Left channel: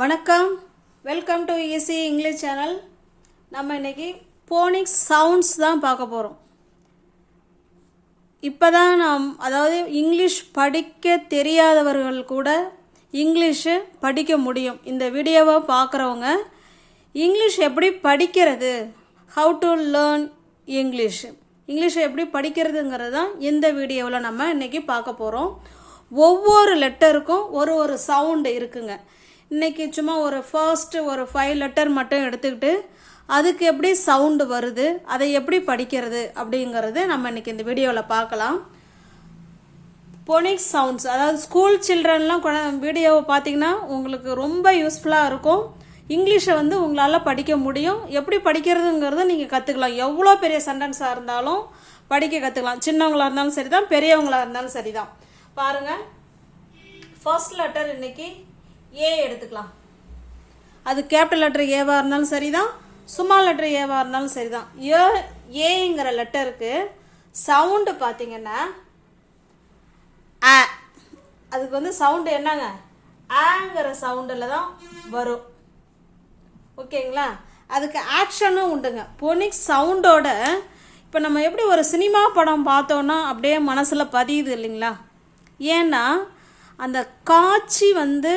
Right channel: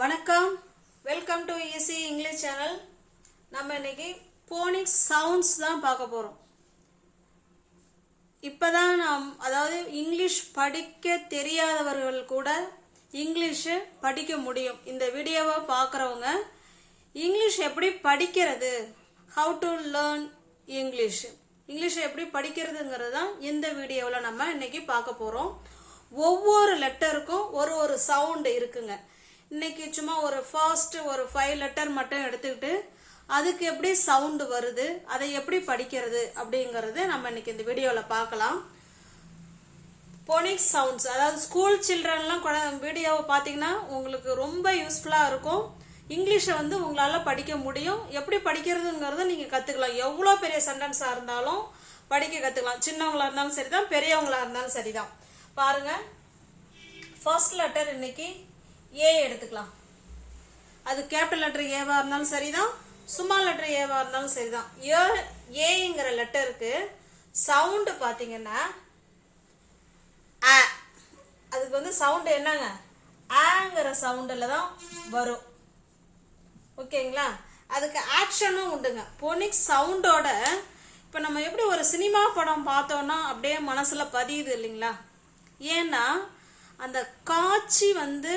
வணக்கம். Welcome to easy English channel நம்ம இன்னைக்கு போனிக்ஸ் சவுண்ட்ஸ் தான் பார்க்க போகிறோம் இப்போ தான் நாம் அதாவது இங்கிலீஷ் படிக்க தெரியாதவர்கள் கூட இங்கிலீஷு படிக்க முடியும். இந்த வீடியோவை பார்க்குறவங்க இங்கிலீஷ் எப்படி படிக்கிறது? ஹவு டு லேர்ன் இங்கிலீஷ் இங்கிலீஷை எப்படி படிக்கிறதுங்கிறது தான் இந்த வீடியோவில் நம்ம இன்றைக்கி பார்க்க போகிறோம் ஒவ்வொரு லெட்டருக்கும் ஒரு ஒரு சவுண்டு இருக்குங்க. இன்னைக்கு சும்மா ஒரு ஃபர்ஸ்ட் ஒரு ஃபைவ் லெட்டர் மட்டும் எடுத்துக்கிட்டு அதுக்கு எப்படி சவுண்டு வருது அதை எப்படி படிக்கிறது அப்படிங்கிறது நம்ம இன்னைக்கு இந்த வீடியோவில் பார்க்கலாம். பொனிக் சவுண்ட்ஸ் அதாவது ஸ்கூல் சில்ட்ரன்லாம் வீடியோவை பார்த்தீங்கன்னா உங்களுக்கு ரொம்ப யூஸ்ஃபுல்லாக இருக்கும். இங்கிலீஷை வந்து உங்களால் படிக்க முடியும். எப்படி படிக்கிறதுங்கிறத நீங்கள் கற்றுக்கலாம் எவ்வளோ பெரிய சென்டென்ஸாக இருந்தாலும் படிக்க கற்றுக்கலாம் சின்னவங்களாக இருந்தாலும் சரி தான் பெரியவங்களாக இருந்தாலும் சரி தான் பாருங்கள் ஃபர்ஸ்ட் லெட்டர் இன்னைக்கு ஏ எடுத்துக்கலாம். அது கேபிட்டல் லெட்டர் ஏவா இருந்தாலும் சரிதான். சும்மா லெட்டர் ஏவா இருந்தாலும் சரிதான். ஏ ஏங்கிற லெட்டருக்கு சவுண்டு பார்த்தீங்கன்னா ஆ அதுக்கு வந்து சவுண்டு என்னங்க? ஆங்கிற சவுண்டில் தான் வரும். ஓகேங்களா? அதுக்கு ஆக்ஷனும் உண்டுங்க. பொனிக் சவுண்டோட இப்போ நம்ம எப்படி ஒரு சினிமா படம் பார்த்தோன்னா அப்படியே மனசில் பதியுது இல்லைங்களா? ஏன்னா அந்த காட்சி வந்து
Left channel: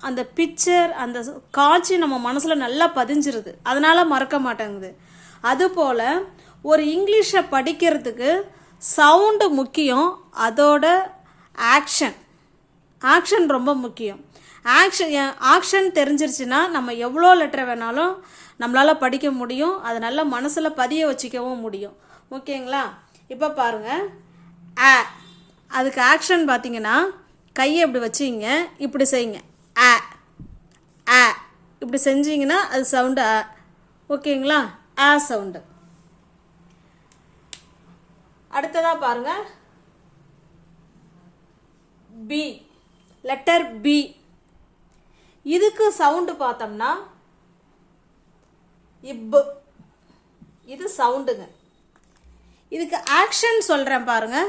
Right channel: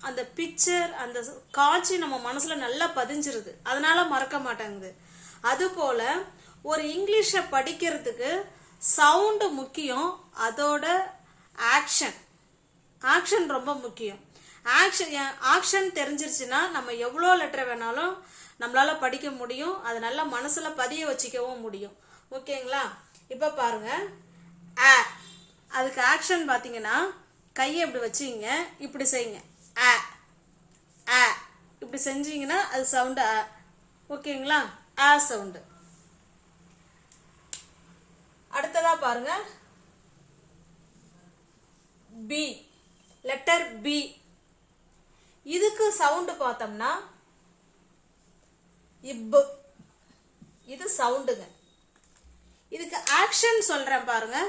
அந்த பிக்சர் அந்த காட்சி நம்ம மனசில் நல்லா பதிஞ்சிருது. அதனால மறக்க மாட்டேங்குது. அதுபோல் ஒரு இங்கிலீஷை படிக்கிறதுக்கு சவுண்டு முக்கியம் அதோட ஆக்ஷன் ஆக்ஷன் ரொம்ப முக்கியம். ஆக்ஷன் ஆக்ஷன் தெரிஞ்சிருச்சுன்னா நம்ம எவ்வளோ லெட்டர் வேணாலும் நம்மளால் படிக்க முடியும். அதை நல்லா மனசில் பதிய வச்சுக்கவும் முடியும். ஓகேங்களா? இப்போ பாருங்கள் ஆ அதுக்கு ஆக்ஷன் பார்த்தீங்கன்னா கையை இப்படி வச்சுங்க இப்படி செய்யுங்க. ஆ ஆ இப்படி செஞ்சீங்கன்னா அது சவுண்டு ஆ ஓகேங்களா? ஆ சவுண்டு அடுத்ததாக பாருங்க. பி லெட்டர் பி இதுக்கு சவுண்டு பார்த்தோம்னா இப்பு இது சவுண்டுங்க இதுக்கு ஆக்ஷன் சொல்கிறேன் பாருங்கள்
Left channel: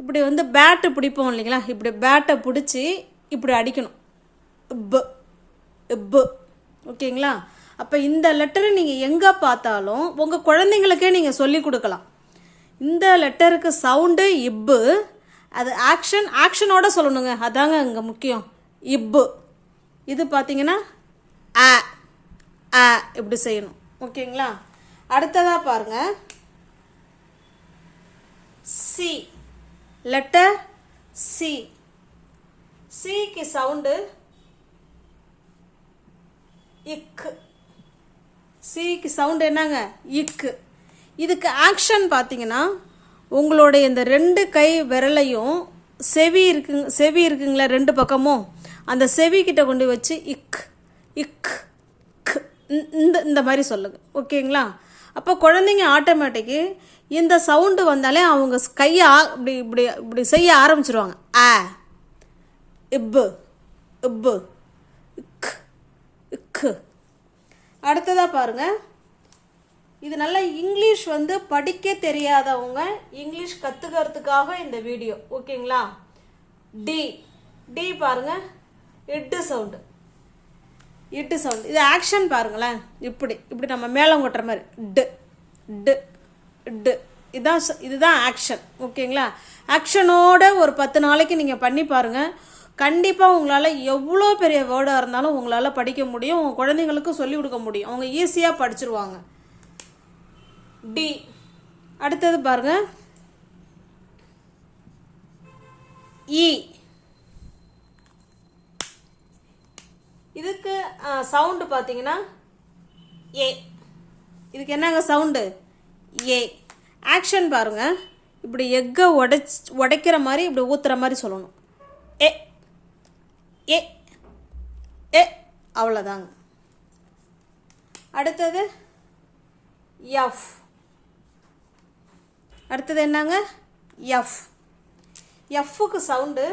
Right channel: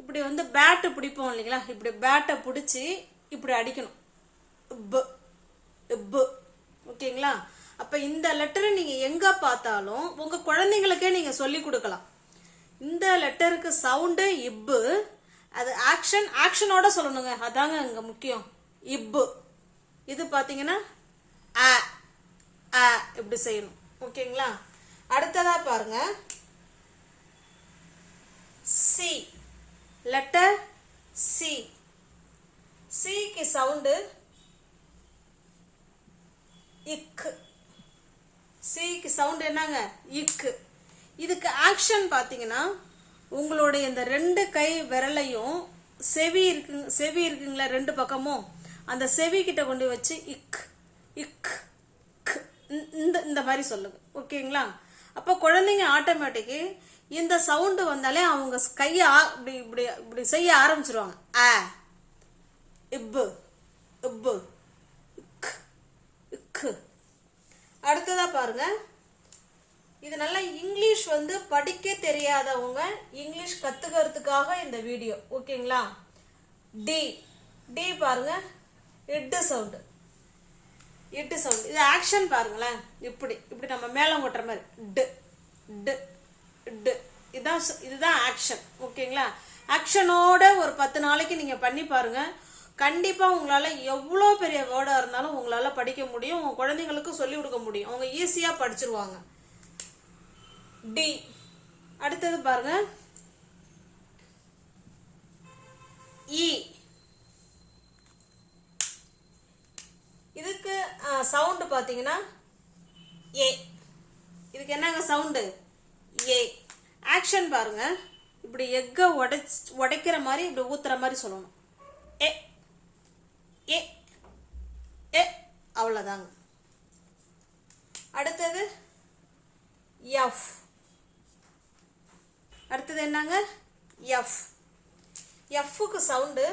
இப்படி வந்து பேட்டு பிடிப்போம் இல்லைங்களா? இப்படி பேட்டை பிடிச்சி இப்படி அடிக்கணும். இப்பு இப்பு ஓகேங்களா? அப்போ இந்த லெட்டரை நீங்கள் எங்கே பார்த்தாலும் உங்கள் குழந்தைங்களுக்கே நீங்கள் சொல்லி கொடுக்கலாம். இந்த லெட்டருக்கு சவுண்டு இப்பு அது ஆக்ஷன் ஆக்ஷனோட சொல்லணுங்க. அதாங்க இங்கே முக்கியம். இப்பு இது பார்த்தீங்கன்னா ஆ ஆ இப்படி செய்யணும். ஓகேங்களா? அடுத்ததா பாருங்க. சி லெட்டர் சி சிக்கு சவுண்டு இக்கு. சிக்கு சவுண்டு என்னங்க? இக்கு. இதுக்கு ஆக்ஷன் பார்த்தீங்கன்னா உங்களுடைய இந்த ரெண்டு கை விரலையும் செவி இருக்கு செவி இருக்குங்களா ரெண்டு பக்கமும் அந்த செவி கிட்ட கொண்டு வச்சு இக் இக் இந்த இந்த மாதிரி சொல்லுங்க. ஓகேங்களா? அப்போ குழந்தைங்க ஆட்டோமேட்டிக்கு இந்த சவுண்டு வந்தாலே அவங்க கையை இப்படி இப்படி இப்படி செய்ய ஆரம்பிச்சிருவாங்க. ஆ இப்பு இப்பு. கு. அடுத்ததாக பாருங்க. இது நல்லா இங்கிலீஷ் வந்து படிக்க தெரியாதவங்க இங்கிலீஷ் கற்றுக்கிறதுக்காக இந்த வீடியோ. ஓகேங்களா? டி டி பாருங்க. இட்டு சவுண்டு இட்டு சவுண்ட் இது ஆக்ஷன் பாருங்களேன். இப்படி. இப்படி நம்ம மேலம் கொட்டுற மாதிரி. டு. டு. டு. இதுதான் இதுதான் ஆக்ஷன் ஓகேங்களா? ஆக்ஷனோட ஒரு பத்து நாளைக்கு நீங்கள் பண்ணி பாருங்கள் கண்டிப்பாக உங்களால் எவ்வளோ பெரிய வேர்டாக இருந்தாலும் உங்களால் படிக்க முடியும் உங்கள் குழந்தைங்களுக்கும் சொல்லிக் கொடுக்க முடியும். அவங்க ஈஸியாக படிச்சிருவாங்க. டி அடுத்தது பாருங்க. இ இதுக்கு சவுண்டு பார்த்தீங்கன்னா ஏ இதுக்கு என்னங்க சவுண்டு ஏ ஆக்ஷன் பாருங்க. இப்படி எக்கை உடைச் உடைக்கிற மாதிரி இப்படி ஊத்துற மாதிரி சொல்லணும். ஏ ஏ ஏ அவ்வளோதாங்க அடுத்தது எஃப் அடுத்தது என்னங்க? எஃப் எஃப்க்கு சவுண்டு.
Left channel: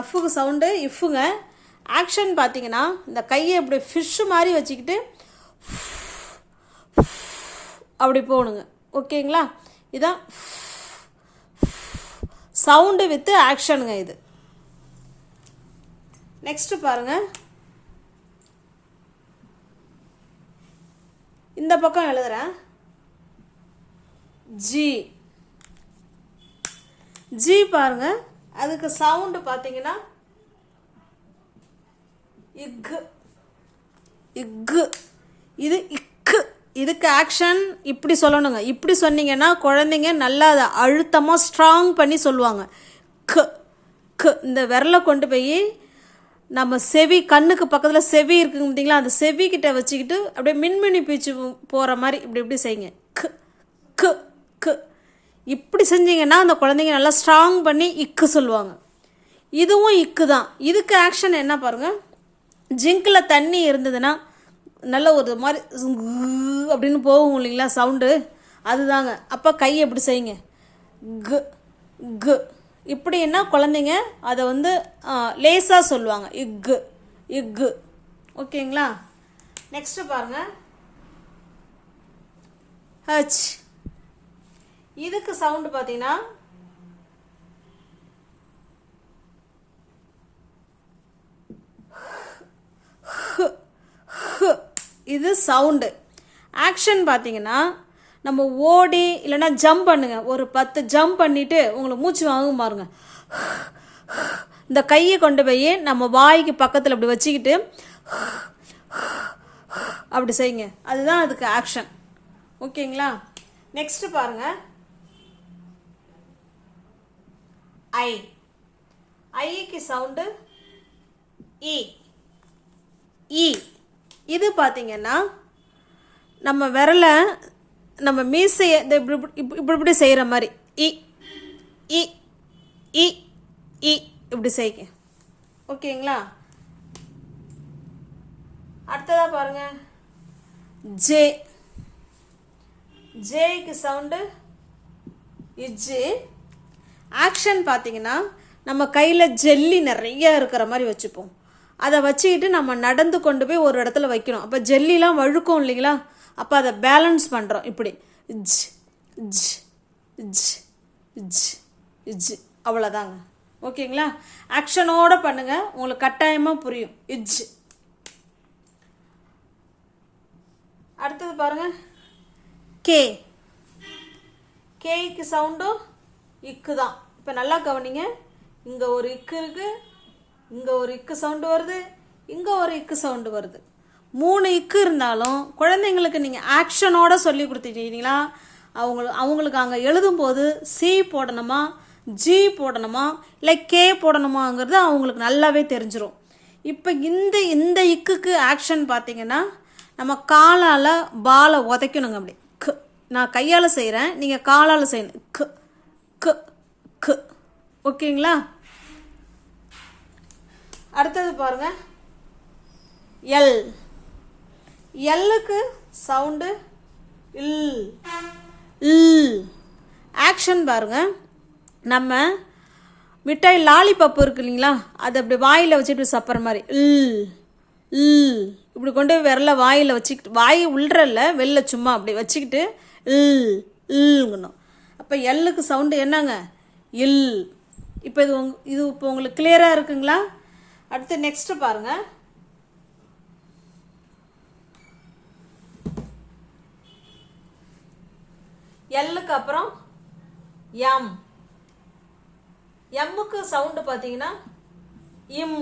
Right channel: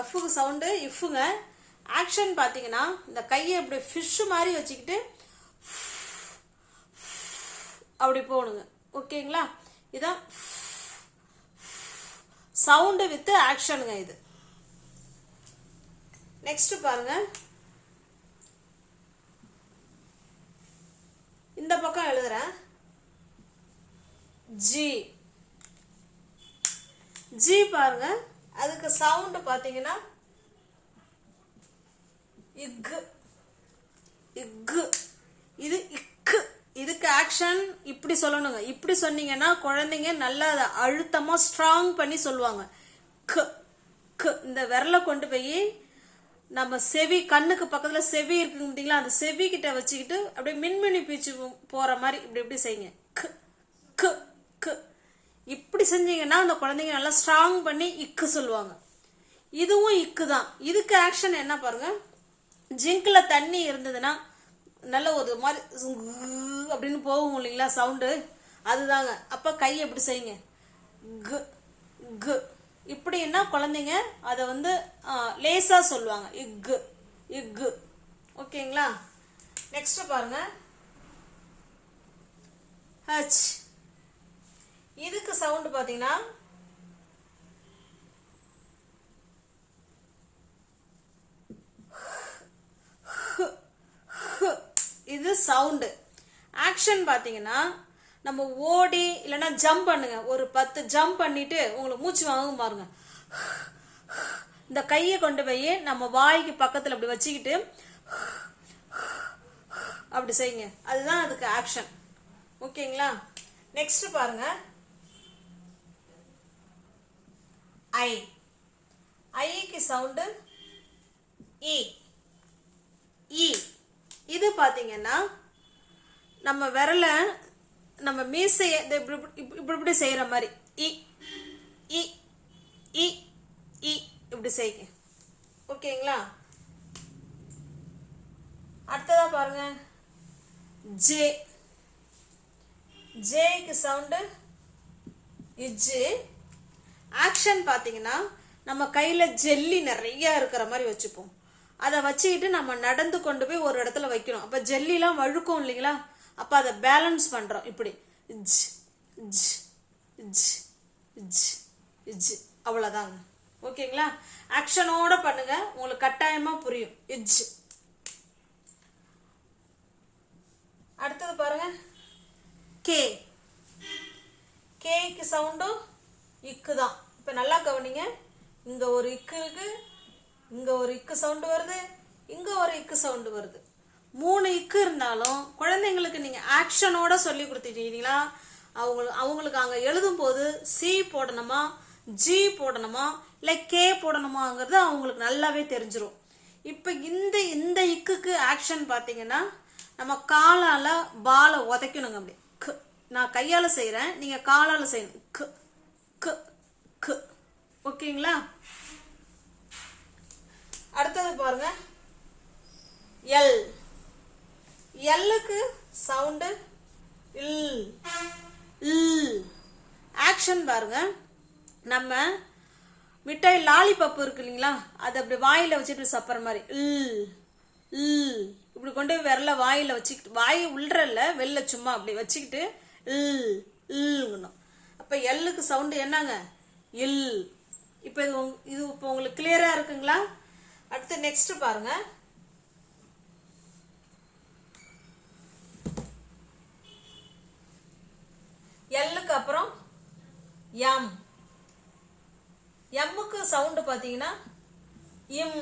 எஃப்க்கு சவுண்டு இஃப்புங்க ஆக்ஷன் பார்த்தீங்கன்னா இந்த கையை இப்படி ஃபிஷ் மாதிரி வச்சுக்கிட்டு அப்படி போகணுங்க. ஓகேங்களா? இதான் சவுண்டு வித்து ஆக்ஷனுங்க இது. நெக்ஸ்ட் பாருங்க. இந்த பக்கம் எழுதுறேன். ஜி ஜி பாருங்க. அதுக்கு சவுண்டு பார்த்தீங்கன்னா இக்கு இக்கு இது இக் இதுக்கு ஆக்ஷன் இப்படி சொல்லணுங்க. இப்படி சொன்னீங்கன்னா குழந்தைங்க நல்லா அதை அழுத்தமாக ஸ்ட்ராங் பண்ணி சொல்லுவாங்க. க க இந்த விரலை கொண்டு போய் நம்ம செவி கண்ணுக்கு பக்கத்தில் செவி இருக்குங்க பார்த்தீங்களா? அந்த செவி கிட்ட வச்சுக்கிட்டு அப்படியே மின்மினி பீச்சு போகிற மாதிரி இப்படி இப்படி செய்யுங்க. க க க். இப்படி செஞ்சீங்கன்னா அந்த குழந்தைங்க நல்லா ஸ்ட்ராங் பண்ணி இக்கு சொல்லுவாங்க. இதுவும் இக்கு தான் இதுக்கு ஆக்ஷன் என்ன பாருங்கள் ஜிங்கில் தண்ணி இருந்ததுன்னா நல்ல ஒரு மாதிரி அப்படின்னு போகும் இல்லைங்களா சவுண்டு அதுதாங்க. அப்போ கை எப்படி செய்யுங்க? கு கு. இப்படின்னா குழந்தைங்க அதை வந்து லேசாக சொல்லுவாங்க. இக்கு இக்கு ஓகேங்களா? நெக்ஸ்ட் பாருங்க. ஹச் இதுக்கு சவுண்டு பார்த்தீங்கன்னா இது சவுண்டு ஆக்ஷன் பார்த்தீங்கன்னா நம்ம ஓடி இல்லைன்னா ஜம்ப் பண்ணுங்க. ஒரு பத்து ஜம்ப் பண்ணிட்டு உங்களுக்கு மூச்சு வாங்க பாருங்க. இந்த கையை கொண்டு போய் நம்ம வாய்க்கு பக்கத்தில் அப்படி வச்சுக்கிட்டு அப்படி செய்யுங்க. அதுதான் அதுக்கு ஆக்ஷன் ஓகேங்களா? நெக்ஸ்ட் பாருங்க. ஐ ஐக்கு சவுண்டு இ இ இது பார்த்தீங்கன்னா நம்ம விரலை நம்ம மீசையை இந்த இப்படி இப்படி இப்படி இப்படி செய்கிற மாதிரி இ இ இ இ இப்படி செய்யுங்க ஓகேங்களா? அடுத்ததாக பாருங்க. ஜே. ஜேக்கு சவுண்டு இஜ்ஜு. ஆக்ஷன் பார்த்தீங்கன்னா நம்ம கையில் ஜெல்லி நிறைய இருக்கிற மாதிரி வச்சுப்போம். அதை வச்சுக்கிட்டு நம்ம நடந்து கொண்டு போய் ஒரு இடத்துல வைக்கணும். அப்போ ஜெல்லிலாம் வழுக்கும் இல்லைங்களா? அப்போ அதை பேலன்ஸ் பண்ணுறோம் இப்படி. ஜ் ஜ் ஜ் ஜ் ஜ். அவ்வளோதாங்க ஓகேங்களா? ஆக்ஷனோட பண்ணுங்க. உங்களுக்கு கட்டாயமாக புரியும். இஜ். அடுத்தது பாருங்க. கே கேக்கு சவுண்டும் இக்கு தான். இப்போ நல்லா கவனிங்க. இங்கே ஒரு இக்கு இருக்குது இங்கே ஒரு இக்கு சவுண்டு வருது இங்கே ஒரு இக்கு சவுண்டு வருது. மூணு இக்கு இருந்தாலும் குழந்தைங்களுக்கு நீங்கள் ஆக்ஷனோட சொல்லி கொடுத்துட்டீங்களா அவங்களுக்கு அவங்களுக்கு அங்கே எழுதும்போது சி போடணுமா ஜி போடணுமா இல்லை கே போடணுமாங்கிறது அவங்களுக்கு நல்லாவே தெரிஞ்சிடும் இப்போ இந்த இந்த இக்குக்கு ஆக்ஷன் பார்த்தீங்கன்னா நம்ம காலால் பாலை உதைக்கணுங்க அப்படி. கு நான் கையால் செய்கிறேன் நீங்கள் காலால் செய்யணும். க க க். ஓகேங்களா? அடுத்தது பாருங்க. எல் எல்லுக்கு சவுண்டு இல் இல் ஆக்ஷன் பாருங்க. நம்ம மிட்டாய் லாலிபப் இருக்கு இல்லைங்களா? அதை அப்படி வாயில் வச்சுட்டு சப்புற மாதிரி. இல் இல் இப்படி கொண்டு போய் விரல வாயில் வச்சுக்கிட்டு வாய் உள்ளறல வெளில சும்மா அப்படி வச்சுக்கிட்டு இல் இல்ங்கணும் அப்போ எல்லுக்கு சவுண்டு என்னங்க? இல் இப்போ இது இது இப்போ உங்களுக்கு கிளியராக இருக்குங்களா? அடுத்து நெக்ஸ்ட் பாருங்க. எல்லுக்கு அப்புறம் எம் எம்முக்கு சவுண்டு பார்த்தீங்கன்னா இம்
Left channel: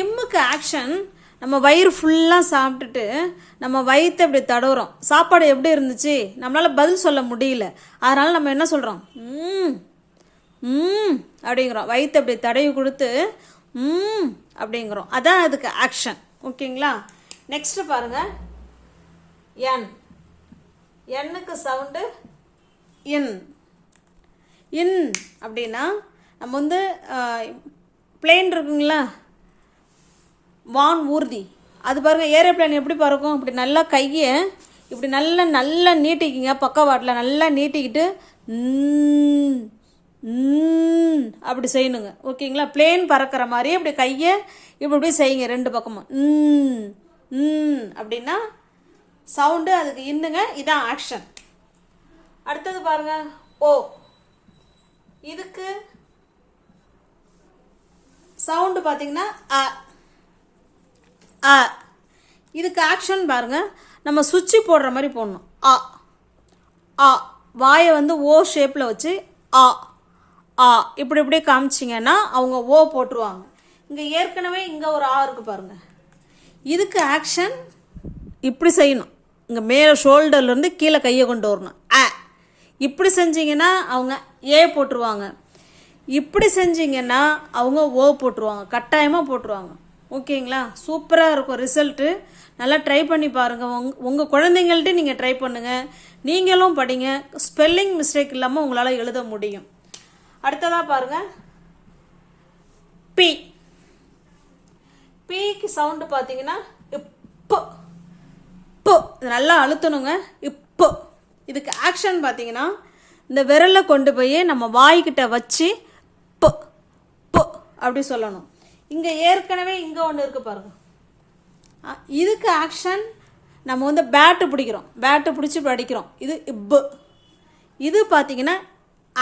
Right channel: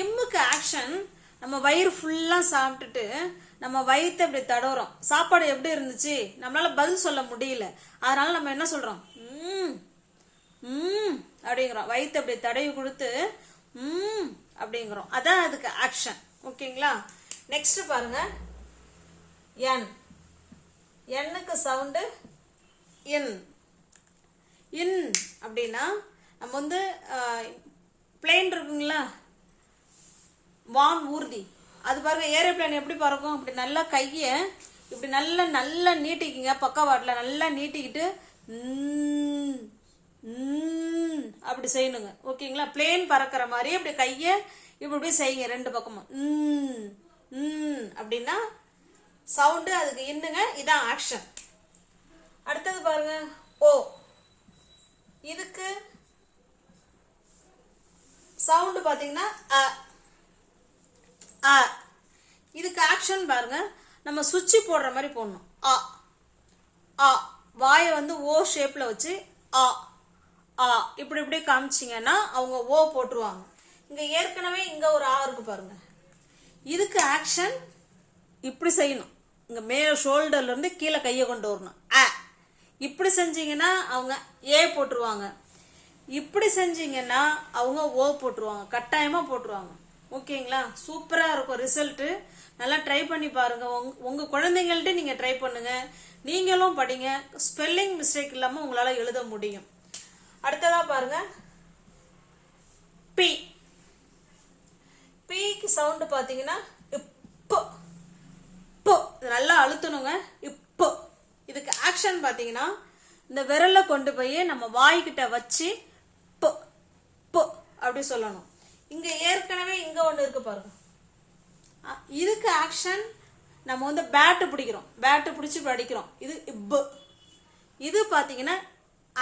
இம்முக்கு ஆக்ஷன் நம்ம வயிறு ஃபுல்லாக சாப்பிட்டுட்டு நம்ம வயிற்றை இப்படி தடவுறோம். சாப்பாடு எப்படி இருந்துச்சு? நம்மளால பதில் சொல்ல முடியல. அதனால நம்ம என்ன சொல்கிறோம் ம் அப்படிங்கிறோம். வயிற்று அப்படி தடவி கொடுத்து ம் அப்படிங்கிறோம். அதான் அதுக்கு ஆக்ஷன் ஓகேங்களா? நெக்ஸ்ட் பாருங்க. என் எண்ணுக்கு சவுண்டு இன் இன் அப்படின்னா நம்ம வந்து பிளேன் இருக்குங்களா? வான் ஊர்தி. அது பாருங்க ஏரோப்ளேன் எப்படி பறக்கும்? இப்படி நல்லா கையை இப்படி நல்லா நல்லா நீட்டிக்கிங்க. பக்கவாட்டில் நல்லா நீட்டிக்கிட்டு ம், அப்படி செய்யணுங்க. ஓகேங்களா? பிளேன் பறக்கிற மாதிரி அப்படி கையை இப்படி இப்படி செய்யுங்க ரெண்டு பக்கமும். ம், ம் அப்படின்னா சவுண்டு அதுக்கு இன்னுங்க இதான் ஆக்ஷன் அடுத்தது பாருங்க. ஓ இதுக்கு சவுண்டு பார்த்தீங்கன்னா அ அ. இதுக்கு ஆக்ஷன் பாருங்க. நம்ம சுவிட்சு போடுற மாதிரி போடணும். ஆ ஆ வாயை வந்து ஓ ஷேப்பில் வச்சு ஆ ஆ இப்படி இப்படி காமிச்சிங்கன்னா அவங்க ஓ போட்டுருவாங்க. இங்கே ஏற்கனவே இங்கே ஒரு ஆ இருக்குது பாருங்கள் இதுக்கு ஆக்ஷன் இப்படி செய்யணும். இங்கே மேலே ஷோல்டர்லேருந்து கீழே கையை கொண்டு வரணும். ஆ இப்படி செஞ்சீங்கன்னா அவங்க ஏ போட்டுருவாங்க. இப்படி செஞ்சிங்கன்னா அவங்க ஓ போட்டுருவாங்க. கட்டாயமாக போட்டுருவாங்க. ஓகேங்களா? சூப்பராக இருக்கும் ரிசல்ட்டு நல்லா ட்ரை பண்ணி பாருங்கள் உங் உங்கள் குழந்தைங்கள்ட்ட நீங்கள் ட்ரை பண்ணுங்கள் நீங்களும் படிங்க. ஸ்பெல்லிங் மிஸ்டேக் இல்லாமல் உங்களால் எழுத முடியும். அடுத்ததாக பாருங்க. பி பிக்கு சவுண்டு பார்த்தீங்கன்னா இப்போ. இப்போ நல்லா அழுத்தணுங்க. இப்போ. இதுக்கு ஆக்ஷன் பார்த்தீங்கன்னா இந்த விரலை கொண்டு போய் நம்ம வாய்க்கிட்ட வச்சு இப்போ இப்போ அப்படி சொல்லணும். இங்கே ஏற்கனவே இங்கே ஒன்று இருக்கு பாருங்க. இதுக்கு ஆக்ஷன் நம்ம வந்து பேட்டு பிடிக்கிறோம். பேட்டு பிடிச்சி படிக்கிறோம். இது இப்போ. இது பார்த்தீங்கன்னா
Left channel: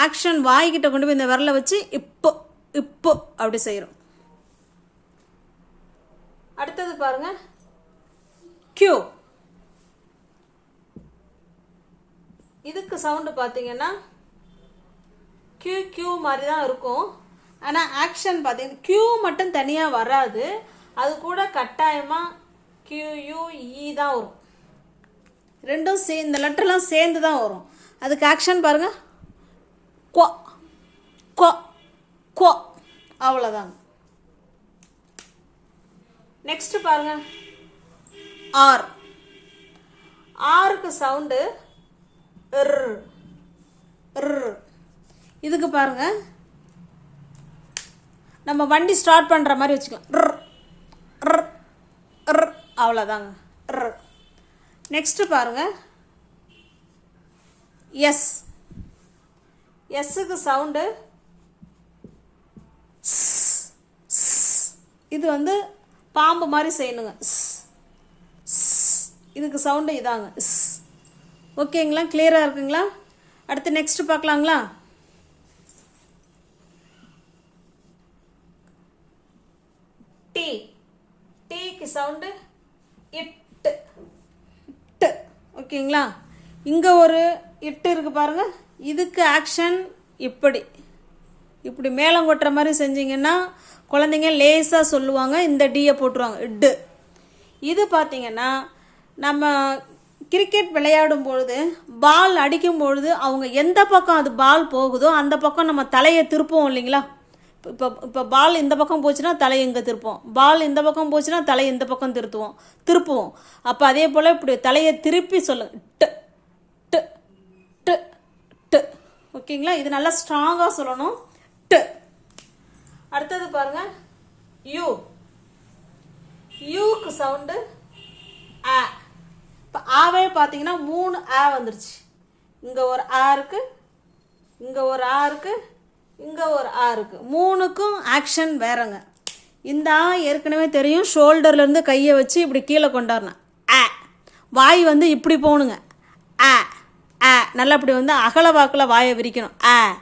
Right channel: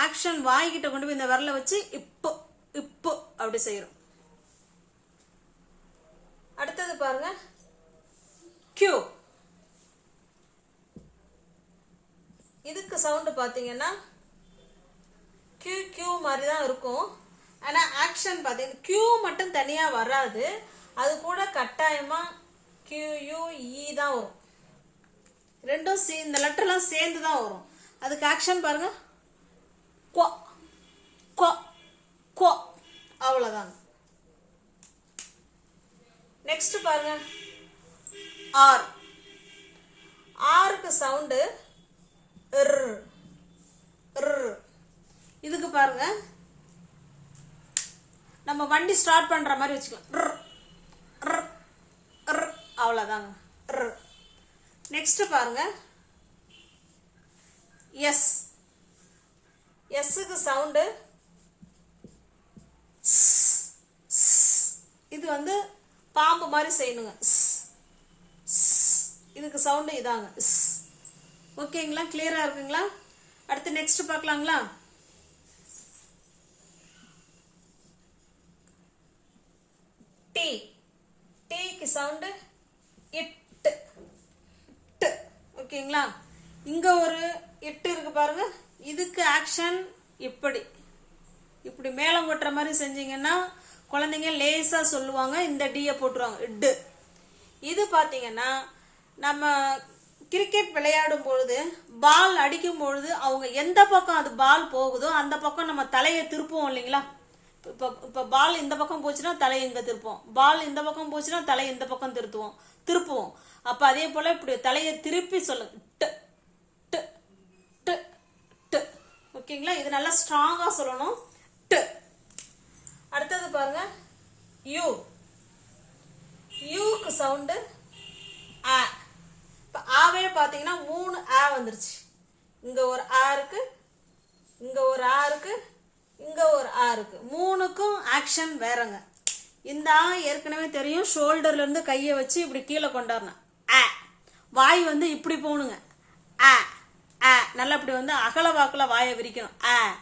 ஆக்ஷன் வாய்கிட்ட கொண்டு போய் இந்த விரலை வச்சு இப்போ இப்போ அப்படி செய்கிறோம் அடுத்தது பாருங்க. கியூ இதுக்கு சவுண்டு பார்த்தீங்கன்னா கியூ கியூ மாதிரி தான் இருக்கும். ஆனால் ஆக்ஷன் பார்த்தீங்கன்னா கியூ மட்டும் தனியாக வராது. அது கூட கட்டாயமாக கியூயூ இ e தான் வரும். ரெண்டும் சே இந்த லெட்டர்லாம் சேர்ந்து தான் வரும். அதுக்கு ஆக்ஷன் பாருங்கள் கொ கொ கொ. அவ்வளோதாங்க நெக்ஸ்ட் பாருங்க. ஆர். ஆருக்கு சவுண்டு இதுக்கு பாருங்க. நம்ம வண்டி ஸ்டார்ட் பண்ற மாதிரி வச்சுக்கலாம். அவ்வளோதாங்க நெக்ஸ்ட் பாருங்க. எஸ் எஸ்ஸுக்கு சவுண்டு இது வந்து பாம்பு மாதிரி செய்யணுங்க. இதுக்கு சவுண்டு இதாங்க. ஸ். ஓகேங்களா? கிளியராக இருக்குங்களா? அடுத்து நெக்ஸ்ட் பார்க்கலாங்களா? டி டீக்கு சவுண்டு இட்டு இட்டு ஓகேங்களா? இங்கே ஒரு இட்டு இருக்கு பாருங்கள் இதுக்கு ஆக்ஷன் இப்படி. இப்படி மேலே கொட்டுற மாதிரி செஞ்சீங்கன்னா குழந்தைங்க லேஸாக சொல்லுவாங்க இந்த டீயை போட்டுருவாங்க. இட்டு இது பார்த்தீங்கன்னா நம்ம கிரிக்கெட் விளையாடும் பொழுது பால் அடிக்கும் பொழுது அவங்க எந்த பக்கம் அது பால் போகுதோ அந்த பக்கம் நம்ம தலையை திருப்போம் இல்லைங்களா? இப்போ இப்போ பால் இந்த பக்கம் போச்சுன்னா தலை இங்கே திருப்போம் பால் இந்த பக்கம் போச்சுன்னா தலை இந்த பக்கம் திருத்துவோம். திருப்புவோம். அப்போ அதே போல் இப்படி தலையை திருப்பி சொல்லுங்க ஓகேங்களா? இது நல்லா ஸ்ட்ராங்காக சொல்லணும். டு. அடுத்தது பாருங்க. யூ. யூக்கு சவுண்டு ஆ. இப்போ ஆவே பார்த்தீங்கன்னா மூணு ஆ வந்துருச்சு. இங்கே ஒரு ஆ இருக்கு இங்கே ஒரு ஆ இருக்கு இங்கே ஒரு ஆ இருக்கு. மூணுக்கும் ஆக்ஷன் வேறங்க. இந்த ஆ ஏற்கனவே தெரியும். ஷோல்டர்லேருந்து கையை வச்சு இப்படி கீழே கொண்டாடணும் ஆ. வாய் வந்து இப்படி போகணுங்க ஆ. ஆ நல்லா இப்படி வந்து அகல வாக்கில் வாயை விரிக்கணும். ஆ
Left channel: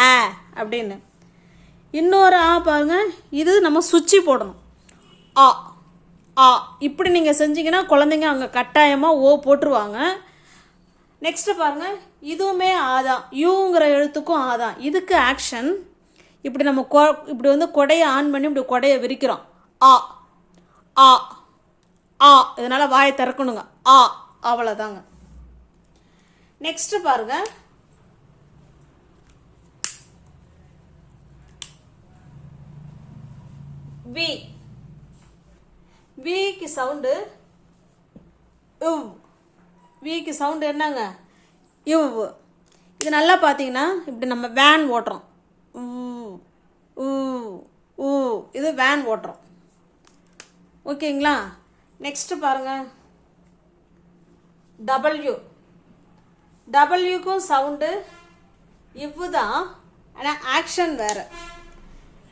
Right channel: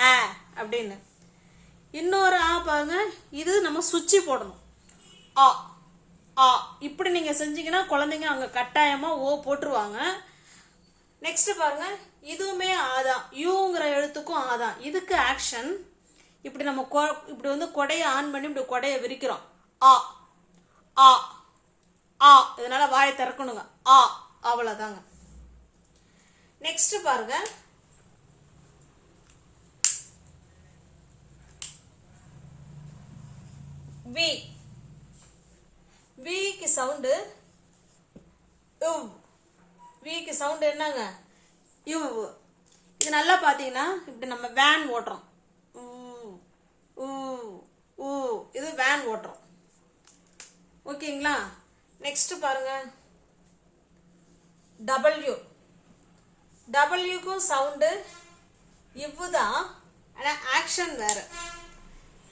ஆ அப்படின்னு. இன்னொரு ஆ பாருங்க இது நம்ம சுச்சி போடணும். ஆ ஆ இப்படி நீங்கள் செஞ்சீங்கன்னா குழந்தைங்க அங்கே கட்டாயமாக ஓ போட்டுருவாங்க. நெக்ஸ்ட் பாருங்க இதுவுமே ஆதான் யூங்கிற எழுத்துக்கும் ஆதான் இதுக்கு ஆக்ஷன் இப்படி நம்ம கொ- இப்படி வந்து கொடையை ஆன் பண்ணி இப்படி கொடையை விரிக்கிறோம். ஆ ஆ ஆ இதனால் வாயை திறக்கணுங்க. ஆ அவ்வளோதாங்க நெக்ஸ்ட் பாருங்க. வி விக்கு சவுண்டு இவ் விக்கு சவுண்டு என்னங்க? இவ் இது நல்லா பார்த்தீங்கன்னா இப்படி நம்ம வேன் ஓட்டுறோம். ஊ, ஊ, இது வேன் ஓட்டுறோம். ஓகேங்களா நெக்ஸ்ட் பாருங்க. டபிள்யூ டபிள்யூக்கும் சவுண்டு இவ்வு தான் ஆனால் ஆக்ஷன் வேறு.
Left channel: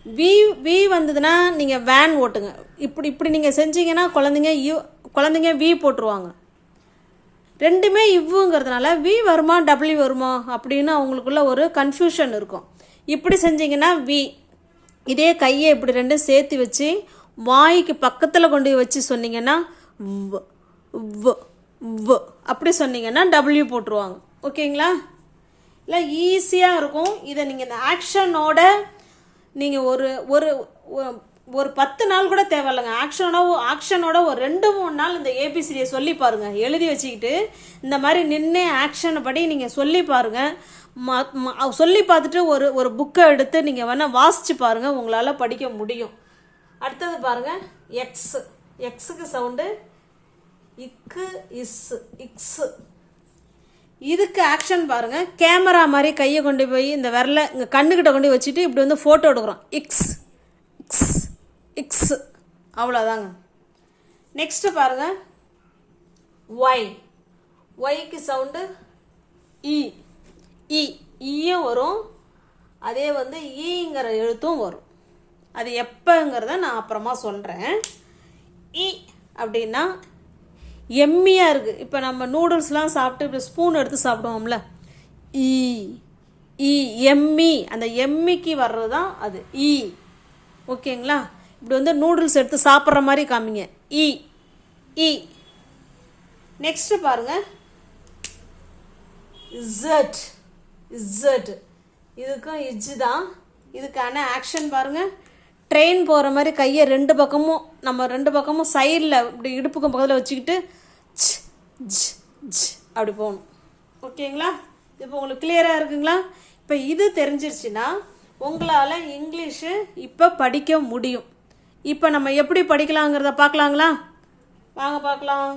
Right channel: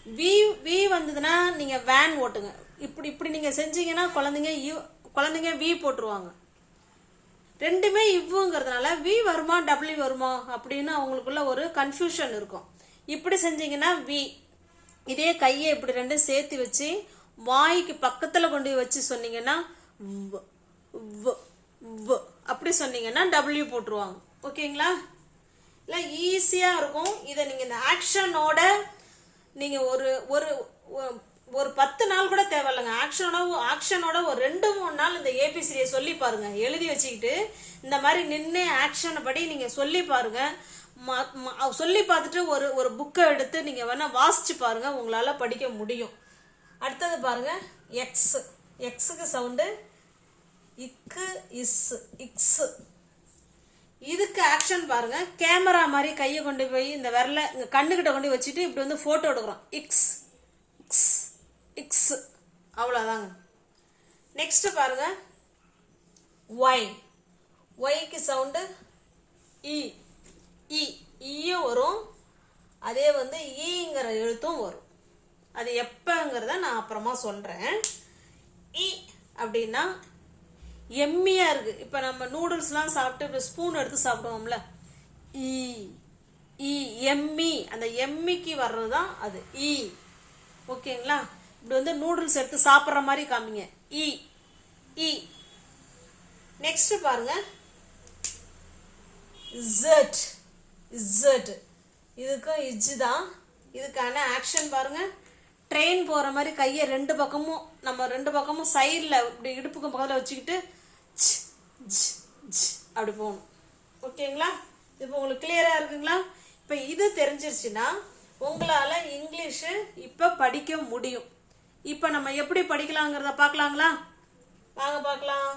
வி வி வந்ததுன்னா நீங்கள் வேன் ஓட்டுங்க. இப்படி இப்படி நீங்கள் செஞ்சீங்கன்னா குழந்தைங்க யூ குழந்தைங்க வி போட்டுருவாங்க. ரெண்டுமே இவ்வுங்கிறதுனால வி வருமா டபிள்யூ வருமா அப்படின்னு அவங்களுக்குள்ள ஒரு கன்ஃபியூஷன் இருக்கும். இப்படி செஞ்சீங்கன்னா வி இதே கையை இப்படி ரெண்டும் சேர்த்து வச்சு வாய்க்கு பக்கத்தில் கொண்டு போய் வச்சு சொன்னீங்கன்னா வ் வ் வ். அப்படி சொன்னீங்கன்னா டபிள்யூ போட்டுருவாங்க. ஓகேங்களா? இல்லை ஈஸியாக இருக்கும். இதை நீங்கள் இந்த ஆக்ஷனோட நீங்கள் ஒரு ஒரு ஒரு பத்து நாள் கூட தேவையில்லைங்க ஆக்ஷனோட ஆக்ஷனோட ஒரு ரெண்டு மூணு நாள் இந்த ஏபிசிடியை சொல்லி பாருங்க. எழுதி வச்சுக்கிட்டு இந்த மாதிரி நின்று ஆக்ஷன் படி நீங்கள் சொல்லி பாருங்க. ம- சொல்லி பார்த்துட்டு ஒரு ஒரு புக்கை எடுத்து நீங்கள் வேணால் வாசித்து பாருங்க. உங்களால் படிக்க முடியும். அடுத்தது பாருங்க. எக்ஸ் எக்ஸுக்கு சவுண்டு இக்கு இஸ் இக்ஸ். இதுக்கு ஆக்ஷன் பாருங்க. கேமரா மாதிரி கையை கொண்டு போய் இந்த விரல இந்த கண்ணுக்கிட்ட கொண்டு போய் வச்சுட்டு இப்படி வந்து ஃபோட்டோ எடுக்கிறோம். இக்ஸ் இக்ஸ் இக்ஸ். அவ்வளோதாங்க நெக்ஸ்ட் பாருங்க. ஒய் ஒய்க்கு சவுண்டு இ e. இ e. ஈயும் e வரும். அதே வந்து ஈங்கிற எழுத்தும் வரும். அது எப்போங்கிறத நான் அப்புறமா சொல்கிறேன் இ அப்படின்னா எம்மியாக இருக்குது இப்போ நம்ம நூடுல்ஸ்லாம் சாப்பிட்டு இப்படி ஸ்பூன் எடுத்து சாப்பிடுவோம்ல. ஈ ஈ எம்மி. அந்த எம்மிக்கு வர்றது தான் அது. ஈ. ஓகேங்களா? இப்படி வந்து நூடுல்ஸ் எடுத்து சாப்பிட்ற மாதிரி காமிங்க. இ இ நெக்ஸ்ட் பாருங்க. Z Z. இதுக்கும் இஜ் தான். இதுக்கான ஆக்ஷன் பாருங்க. ட்ரெயின் போகிற மாதிரி கையை ரெண்டு பக்கமும் நம்ம ரெண்டு பக்கமும் சைடில் இப்படி இடுப்புக்கும் பக்கத்தில் வச்சுக்கிட்டு அப்படி போகணும். ஓகேங்களா? இப்போ உங்களுக்கு கிளியராக இருக்குங்களா? இப்போ இது தெரிஞ்சிருச்சுன்னா உங்களால் இங்கிலீஷு இப்போ படிக்க முடியும். இப்போ நம்ம எப்படி படிக்கலாங்கிறத பார்க்கலாங்களா? வாங்க பார்க்கலாம்.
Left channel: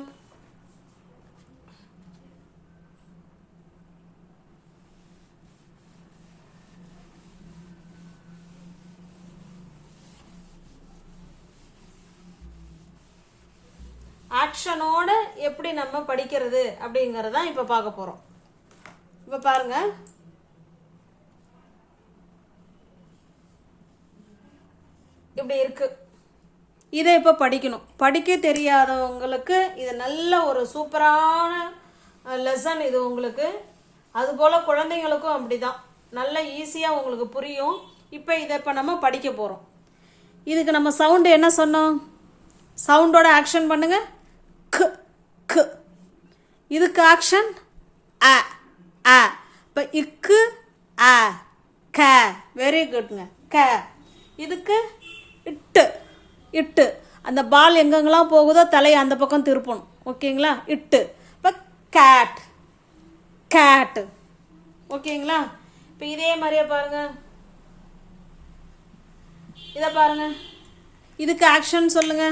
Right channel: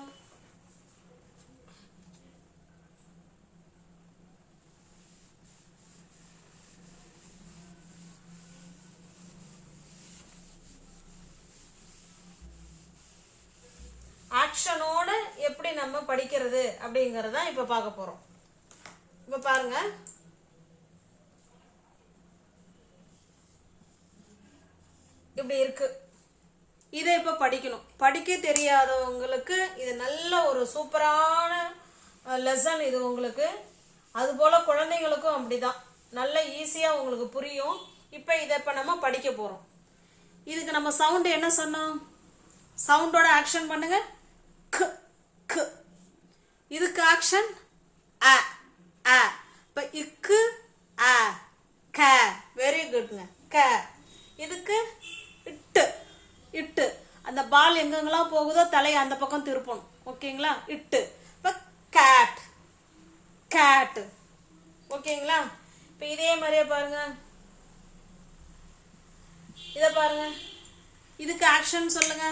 ஆக்ஷனோட எப்படி நம்ம படிக்கிறது அப்படிங்கறத இப்ப பார்க்க போறோம். இப்ப பாருங்க. இப்படி இருக்கு. இதை இப்ப படிக்கணும். படிக்க தெரியாதவங்களுக்கு இது நல்ல ஒரு சூப்பரான லெசன் இது உங்களுக்கு. அது போல குழந்தைங்களுக்கும் அப்படிதான். நல்ல ஈஸியா உங்களுக்கு புரியும். இப்ப இதை இப்ப நம்ம படிக்க போறோம். இதுக்கு நம்ம சவுண்டு என்ன சொன்னோம்? சவுண்டோட ஆக்ஷன் பண்ணுங்க. க க். இதுக்கு ஆக்ஷன் அ அ. இப்போ இக்கு அ க. வெரி குட்ங்க க. இதுக்கு இட்டு இட்டு. அந்த பால் எங்கெங்கெல்லாம் போகுதோ தலையை அந்த பக்கம் திருப்பணும். ஓகேங்களா? இட்டு. இப்போ கேட் கேட்டு ஓகேங்களா? இப்போ இதே மாதிரியே பாருங்க. இதை பாருங்க. இதுக்கு ஆக்ஷன் சொல்லுங்க.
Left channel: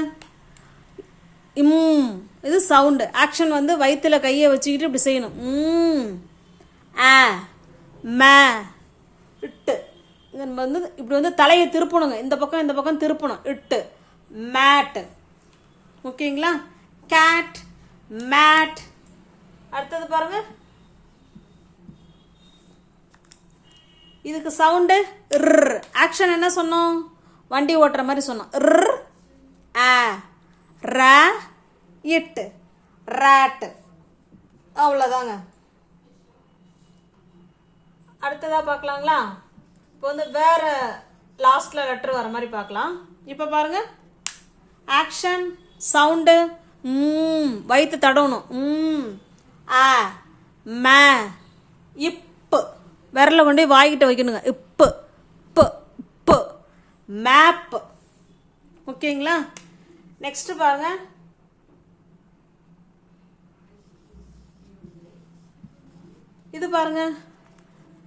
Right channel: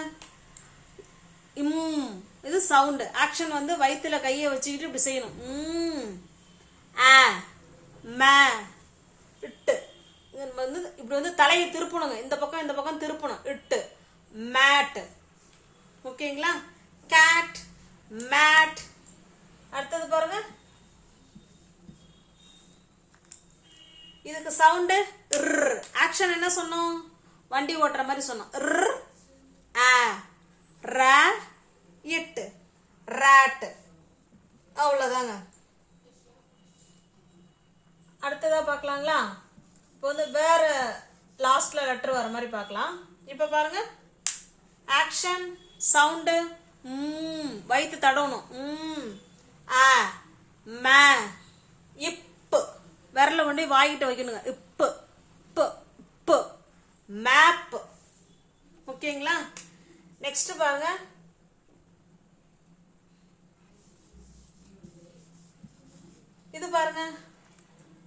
இம். இது சவுண்டு ஆக்ஷன் வந்து வயிற்றுல கையை வச்சுக்கிட்டு இப்படி செய்யணும். ம். ஆ மே இட்டு. இங்க வந்து இப்படி வந்து தலையை திருப்பணுங்க. இந்த பக்கம் இந்த பக்கம் திருப்பணும். இட்டு மேட் ஓகேங்களா? கேட் மேட் அடுத்தது பாருங்க. இதுக்கு சவுண்டு ஆக்ஷன் என்ன சொன்னோம்? வண்டி ஓட்டுற மாதிரி சொன்னோம். ர் ஆ ர இட்டு ராட்டு அவ்வளோதாங்க அடுத்ததாக பார்க்கலாங்களா? இப்போ வந்து வேற லாஸ்ட்டில் லெட்டர் வர மாதிரி பார்க்கலாம். இப்போ பாருங்க. ஆக்ஷன் சவுண்டு ம் வயிற்று தடவணும். ம் ஆ மே இப்பு. விரல கொண்டு போய் வாய்கிட்ட வைக்கணுங்க. இப்பு. இப்பு. இப்பு. மேப்பு. ஓகேங்களா? நெக்ஸ்ட் பாருங்கள் இது பாருங்க.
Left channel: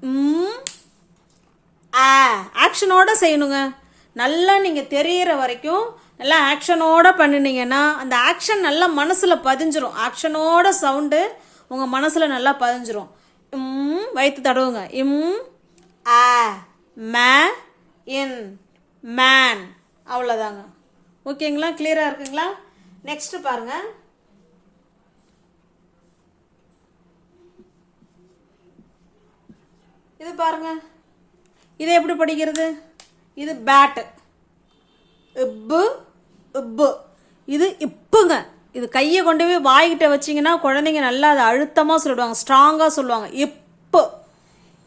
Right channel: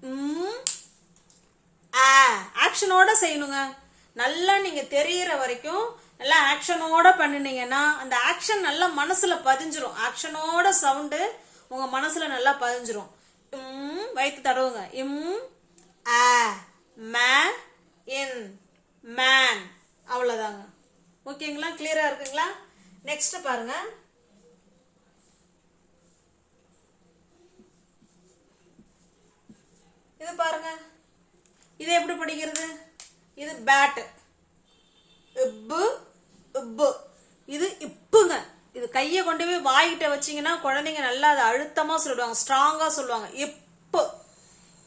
ம். ஆ ஆக்ஷனோட செய்யணுங்க. நல்லா நீங்க தெரியற வரைக்கும் நல்லா ஆக்ஷனோட பண்ணினீங்கன்னா அந்த ஆக்ஷன் நல்லா மனசுல பதிஞ்சிரும். ஆக்ஷனோட சவுண்டு உங்க மனசுல நல்லா பதிஞ்சிரும். இம் வயிற்று தடவுங்க. இம் ஆ மே இன் மேன் அவ்வளோதாங்க ஓகேங்களா கிளியராக இருக்குங்களா? நெக்ஸ்ட் பாருங்கள் இது பாருங்க. இது எப்படி படிக்கிறது? இது பேட்டு இப்பு இப்பு. இது இப்புங்க. இது கையை கொண்டு போய் வாய்கிட்ட வச்சீங்கன்னா குழந்தைங்க நல்லா அதை அழுத்தமாக சொல்லிடுவாங்க ஸ்ட்ராங்காக சொல்லுவாங்க. இப்பு.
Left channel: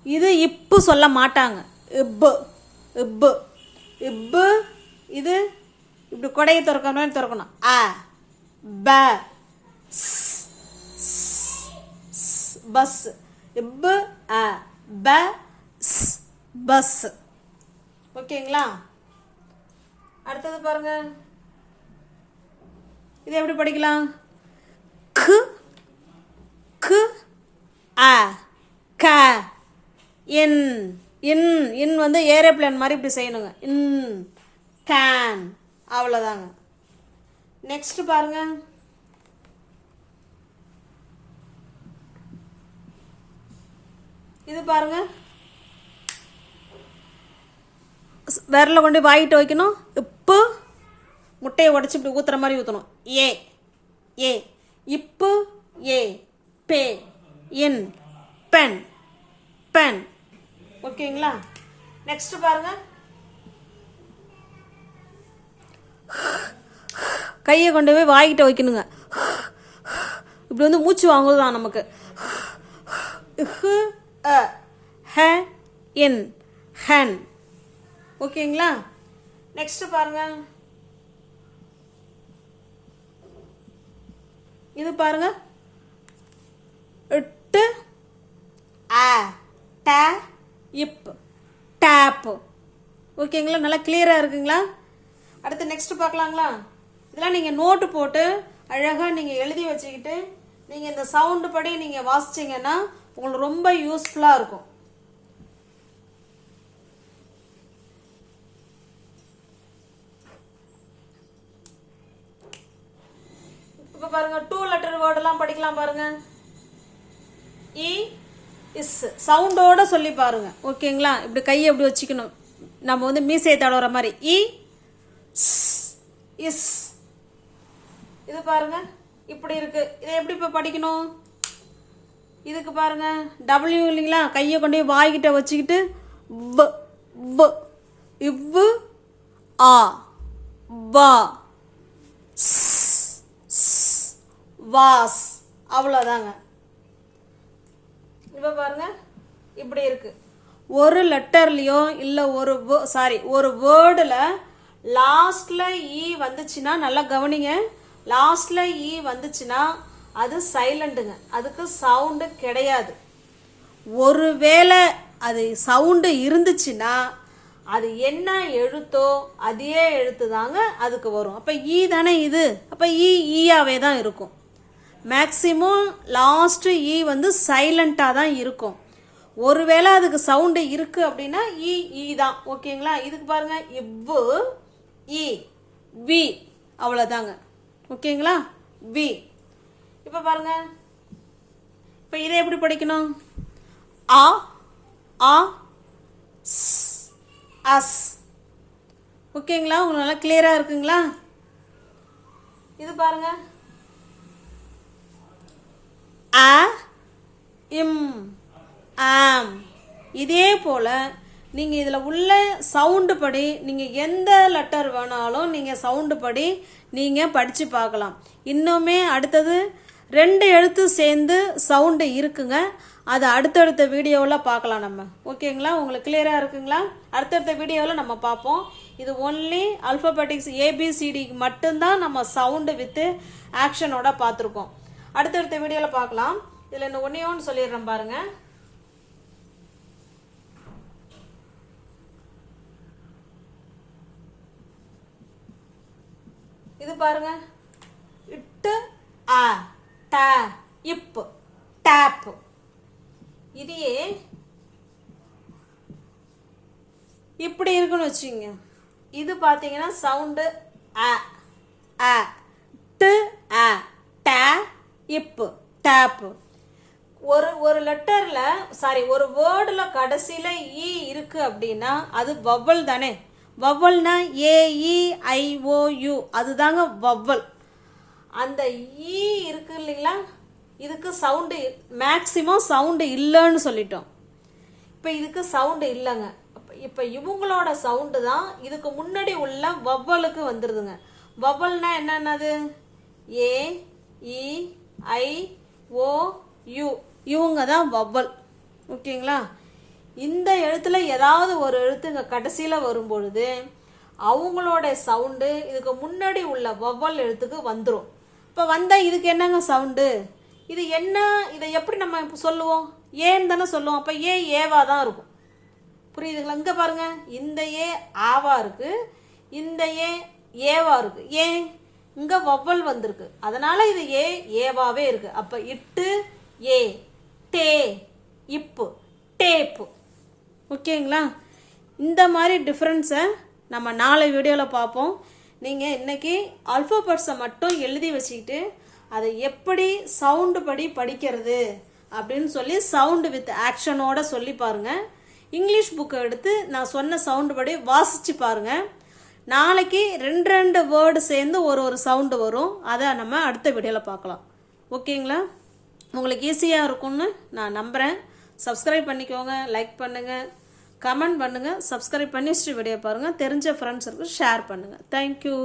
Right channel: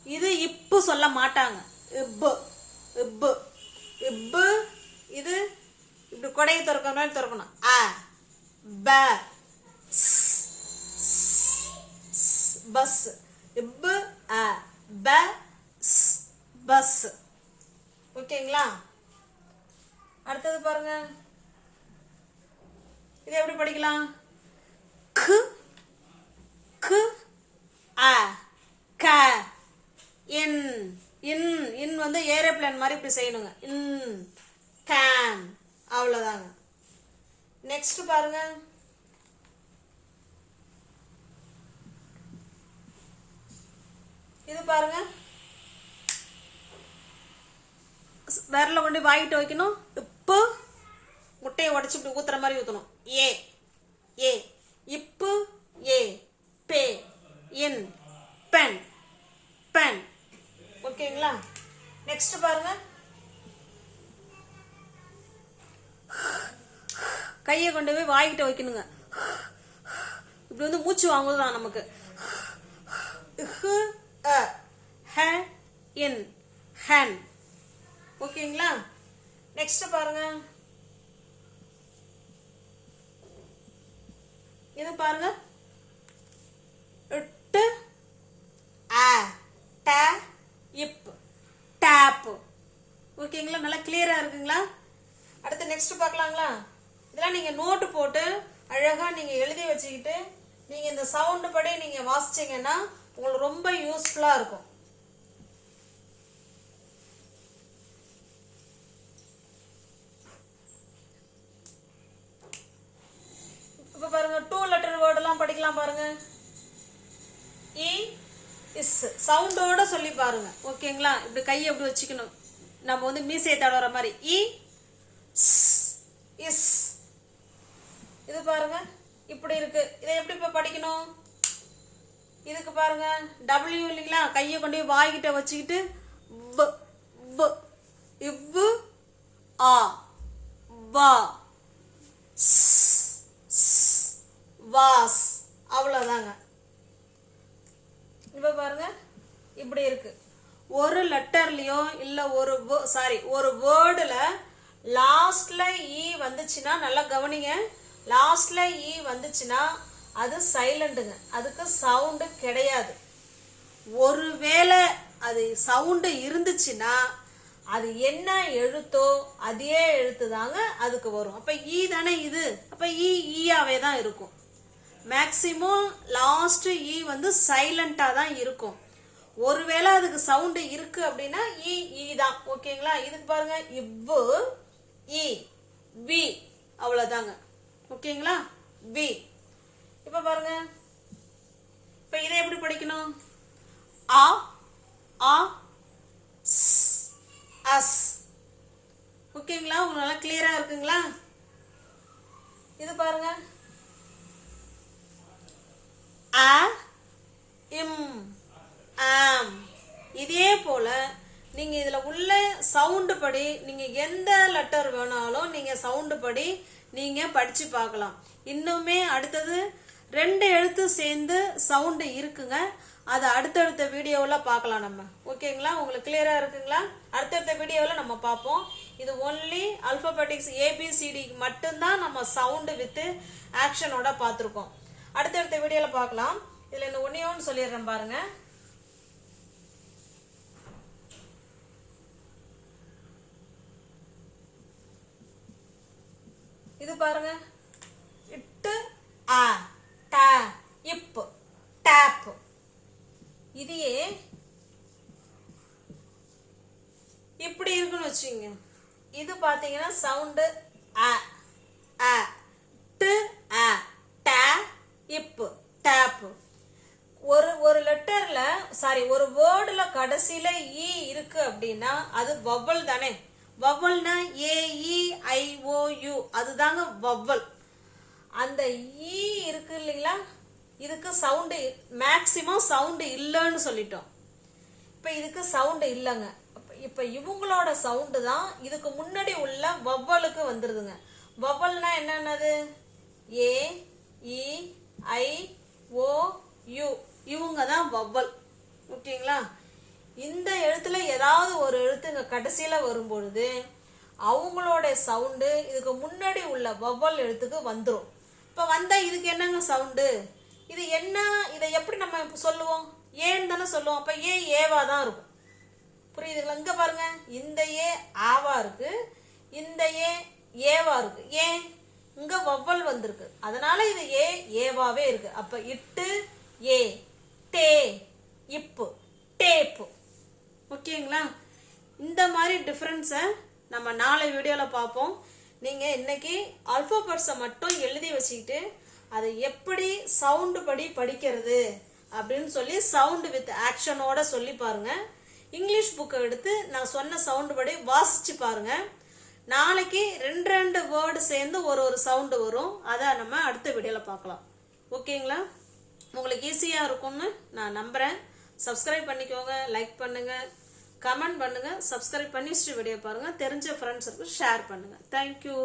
இது இப்பு சொல்ல மாட்டாங்க. இப்பு இப்பு. இப்பு இது இப்படி கொடையை திறக்கிற மாதிரி திறக்கணும். அ ப பஸ். இப்பு அ. Bus bus. ஓகேங்களா? அடுத்தது பாருங்க. இது எப்படி படிக்கலாம்? கு கு அ க. இன் இன் இன் வந்து ஏரோப்ளேன் மாதிரி இப்படி செய்யணுங்க. இன் கேன். அவ்வளோதாங்க நெக்ஸ்ட் பாருங்க. இது பாருங்க. விரல கொண்டு வாங்கிட்டு வைக்கணும். இப்போ முட்டையை உடச்சி இப்படி ஊத்துற மாதிரி ஊற்றணும் ஏ ஏ. இப்பு ஏ. பே இன் பென் பென் ஓகேங்களா? நெக்ஸ்ட் பாருங்க. கையை கொண்டு போய் வாய்கிட்ட வைக்கணுங்க. இப்படி வந்து மூச்சு வாங்குதான் நமக்கு. அ, ஹ, இன் ஹன். ஓகேங்களா? நெக்ஸ்ட் பாருங்க. இது பாருங்க. இட்டு ஆ ட இப் டேப். ஓகேங்களா? நல்லா கிளியரா இருக்குங்களா? அடுத்து நெக்ஸ்ட் பார்க்கலாங்களா? இதெல்லாம் நீங்க நோட்டு போட்டு அழகா நீங்க எழுதி வச்சுக்கிட்டு நீங்க இந்த சவுண்டு படி நீங்க வாசிச்சீங்கன்னா உங்களுக்கு ரொம்ப யூஸ்ஃபுல்லாக இருக்கும். இப்போ பாருங்க டூ லெட்டர் வேர்டெல்லாம் படிக்கலாம் பாருங்க. இ இஸ் சவுண்டோட சொல்லி பாருங்க. ஓகேங்களா இப்படி கையை இப்படி வச்சுக்கணும். நம்ம வந்து மீசையை தடவுற மாதிரி. E, இ இஸ் இது பாருங்க. இப்படி இருக்கு. இதை எப்படி இப்போ படிக்கணும்? இதுக்கு பாருங்க. டபிள்யூ இல்லைங்களா? கையை கொண்டு போய் வாய்கிட்ட வச்சுக்கிட்டு இவ்வு ஆ வா வாஸ். அவ்வளோதாங்க இப்போ பாருங்க. இப்படி இருக்கு. ஒரு லெட்டர்லேயோ இல்லை ஒரு சாரி ஒரு வேர்டில் லாஸ்டில் இ வந்துச்சுன்னா நல்லா கவனிங்க. லாஸ்டில் இ e வந்துச்சுன்னா அது சைலண்ட்டுங்க அதுக்கு சவுண்டு கிடையாது. ஒருவேளை அது சவுண்டு இருந்துச்சுன்னா அது என்ன எழுத்தோ அதே எழுத்து தாங்க அதுக்கு வரும். அப்ப ஈ தானே இது? அப்ப ஈ ஈயாவே தான் இருக்கும். மேக்சிமம் லாஸ்ட் ஈ வந்து சைலண்டா தான் இருக்கும். ஒருவேளை அதுக்கு சவுண்டு இருக்கு அப்படின்னா ஈ ஈ தான். ஓகேங்களா? இதுக்கு பாருங்க. இவ்வு ஈ வி அவ்வளவுதாங்க. ஓகேங்களா? வி இப்ப பாருங்க. இப்ப இதை எப்படி படிக்கணும்? ஆ ஆ அஸ். ஓகேங்களா? உங்களுக்கு நல்லா கிளியரா இருக்குங்களா? இது பாருங்க. அ இம் ஆம். இதே போல நீங்க இதுல உள்ள சவுண்டு படி நீங்க எந்த லெட்டர் வேணாலும் நீங்க சவுண்டு படி நீங்க படிச்சு பார்க்கலாம். இன்னுமே அடுத்தது ரெண்டு எழுத்து சேர்ந்து சவுண்டு இருக்குங்க. அது அடுத்தடுத்த வீடியோவில் பார்க்கலாம் நம்ம. ஓகேங்களா? உங்களுக்கு கிளியராக இருக்குங்களா? அடுத்தடுத்த வீடியோவில் நம்ம பார்ப்போம். இது ஒன்லி அல்பபெட்டிக்ஸ் ஏபிசிடிக்கு மட்டும்தான் நம்ம சவுண்டு வித்து ஆக்ஷனோட பார்த்துருக்கோம். அடுத்தடுத்த வீடியோவில் பார்க்கலாம். இதில் இன்னும் ஒன்றையோன்னு சொல்லிடுறேன் பாருங்கள் இது பாருங்க. இட்டு ஆ. ட இப்பு டேப்பு இதையே இப்படி இருக்குன்னு வச்சுங்க இது பார்த்தீங்கன்னா sound a a to a ட இப்பு டேப்பு ஒரு ஒரு லெட்டரில் சாரி ஒரு வேர்டில் கடைசியில் இ இருக்குது அப்படின்னா அது வவ்வல் தானே. வவ்வல்னா A E I O U அதுதாங்க வவ்வல். அந்த ஈ இருக்கு இல்லைங்களா? இதுக்கு சவுண்டு மேக்சிமம் சவுண்டு இல்லைன்னு சொல்லிட்டோம். இப்போ இதுக்கு சவுண்டு இல்லைங்க. இப்போ இவங்களோட சவுண்டு தான் இதுக்கு முன்னாடி உள்ள வவ்வலுக்கு வந்துடுதுங்க வவ்வல்னா என்னென்னது? ஏ இ ஐ ஓ யு இவங்க தான் வவ்வல். ஓகேங்களா? இந்த எழுத்துல ஏதாவது ஒரு எழுத்துங்க கடைசியில் வரும்பொழுது அவங்களோட சவுண்டு இதுக்கு முன்னாடி உள்ள வவ்வல் எழுத்துக்கு வந்துடும் இப்போ வந்தால் இதுக்கு என்னங்க சவுண்டு இது என்ன? இதை எப்படி நம்ம இப்போ சொல்லுவோம்? ஏன்னு தானே சொல்லுவோம். அப்போ ஏ ஏவா தான் இருக்கும். புரியுதுங்களா? இங்கே பாருங்க. இந்த ஏ ஆவா இருக்கு. இந்த ஏ ஏவா இருக்கு. ஏன் இங்க வவ்வல் வந்திருக்கு. அதனால இது ஏ ஏவாவே இருக்கு. அப்ப இட்டு ஏ டே இப்பு டேப்பு. ஓகேங்களா? இந்த மாதிரி டிஃப்ரென்ஸை நம்ம நாளை வீடியோவில் பார்ப்போம். நீங்கள் இன்னைக்கு அல்ஃபபெட்ஸை மட்டும் எழுதி வச்சுக்கிட்டு அதை எப்படி சவுண்டு படி படிக்கிறது அப்படின்னு சொல்லி சவுண்டு வித் ஆக்ஷனோட சொல்லி பாருங்க. இங்கிலீஷ் புக்கை எடுத்து நான் சொன்ன சவுண்டு படி வாசிச்சு பாருங்க. நாளைக்கு ரெண்டு ரெண்டு வேர்டு சேர்ந்து ஒரு ஒரு சவுண்டு வரும். அதை நம்ம அடுத்த வீடியோவில் பார்க்கலாம். ஓகேங்களா உங்களுக்கு ஈஸியாக இருக்கும்னு நான் நம்புகிறேன் சப்ஸ்கிரைப் பண்ணிக்கோங்க லைக் பண்ணுங்கள் கமெண்ட் பண்ணுங்கள் சப்ஸ்கிரைப் பண்ணி வீடியோ பாருங்கள் தெரிஞ்ச ஃப்ரெண்ட்ஸுக்கு ஷேர் பண்ணுங்கள் தேங்க்யூ